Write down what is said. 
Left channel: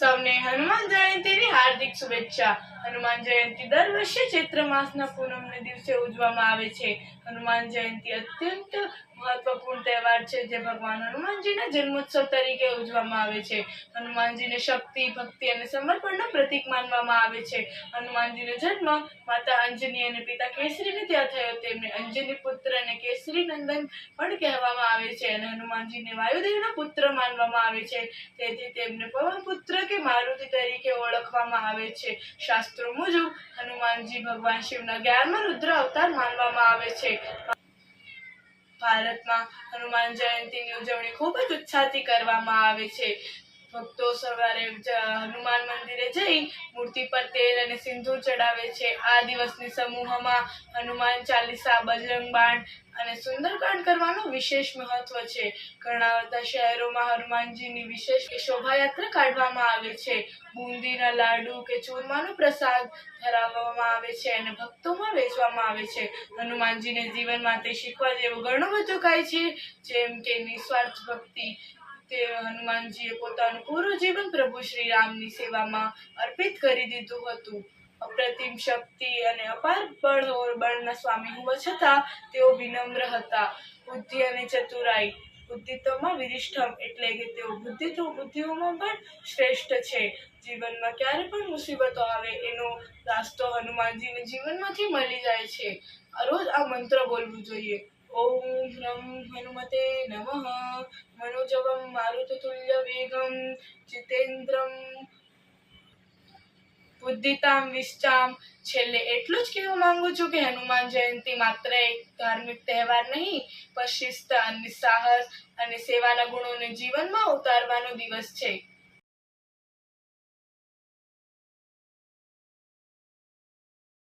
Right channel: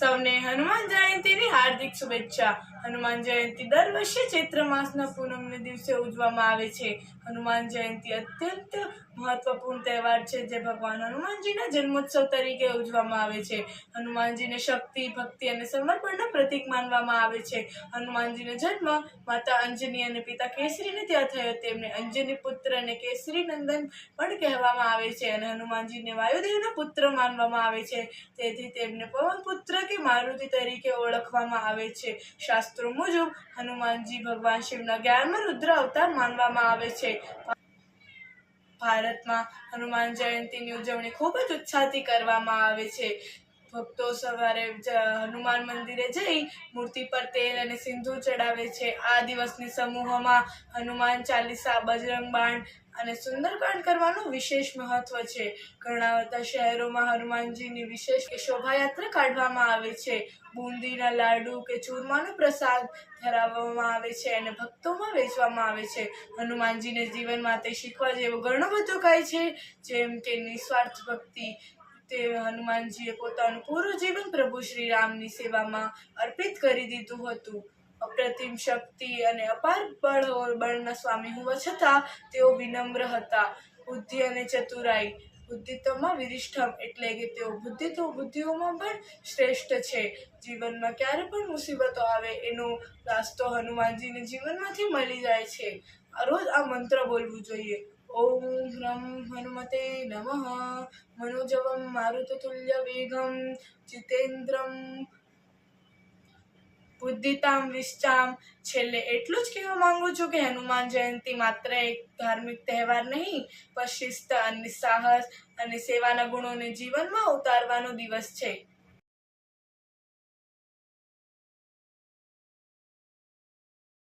સૌને હનુમાન જયંતીની હાર્દિક શુભેચ્છા। હનુમાન જયંતી દર વર્ષે ચૈત્ર માસના પૂનમને દિવસે ઉજવવામાં આવે છે। હનુમાન જયંતી અત્યંત મહત્વપૂર્ણ તહેવાર છે જે ભગવાન હનુમાનજીના જન્મોત્સવ તરીકે ઉજવવામાં આવે છે। હનુમાનજીને શક્તિ, ભક્તિ અને સમર્પણનું પ્રતીક માનવામાં આવે છે। હનુમાનજીનો જન્મ માતા અંજની અને પિતા કેસરીને ત્યાં થયો। તેમને અંજની પુત્ર અને કેસરી નંદન પણ કહેવામાં આવે છે અને હનુમાનજીને વાયુદેવના પુત્ર માનવામાં આવે છે, તેથી તેમને પવન પુત્ર કે મારુતિ તરીકે ઓળખવામાં આવે છે। શાસ્ત્રો મુજબ હનુમાનજી ભગવાન શિવના 11મા રુદ્ર અવતાર માનવામાં આવે છે। ભારતમાં હનુમાન જયંતીની ઉજવણી ખૂબ જ ઉત્સાહથી કરવામાં આવે છે। ભક્તો સવારે હનુમાન મંદિરે જઈ મૂર્તિ પર તેલ અને સિંદૂર ચડાવે છે। આ દિવસની સમૂહમાં હનુમાન ચાલીસા, બજરંગ બાણ અને સુંદરકાંડ કરવાનું વિશેષ મહત્વ છે। ઘણા બધા શહેરોમાં હનુમાનજીની વિશેષ શોભાયાત્રા કાઢવામાં આવે છે। બુંદીના લાડુ કે ચૂરમાનો પ્રસાદ ધરાવવામાં આવે છે અને ભક્તોમાં વેચવામાં આવે છે। હનુમાનજીને જીવન માટે શીખવા જેવું ઘણું બધું કહે છે, જેમ કે નિસ્વાર્થ ભક્તિ। તે હનુમાનજીએ પોતાનું પૂરું જીવન પ્રભુ શ્રી રામની સેવામાં અર્પિત કરી દીધું હતું। અપ્રતિમ શક્તિ અને અપાર બળના સ્વામી હોવા છતાં તેઓ વિનમ્ર હતા। બુદ્ધિ અને ચતુરાઈ। બુદ્ધિત્વમાં વિરિષ્ઠમ એટલે કે તેઓ બુદ્ધિઓમાં પણ શ્રેષ્ઠ છે। જીવનમાં ક્યારે પણ મુસીબતો આવે એનો રાસ્તો હનુમાનજીને જીવનમાંથી મળી જાય છે। રોજ આ મંત્ર બોલવું જોઈએ। ઓમ હ્રમ હનુમતે નમઃ। મનોજવમ મારુતતુલ્ય વેગમ જીતેન્દ્રમ બુદ્ધિતામ વિશ્ચામ। છેલ્લે એટલું જ કહેવા માંગુ છું કે હનુમાન જયંતી માત્ર એક ધાર્મિક તહેવાર નહીં, પણ શિસ્ત અને સાહસ અને સેવાના ગુણોને જીવનમાં ઉતારવાનો દિવસ છે।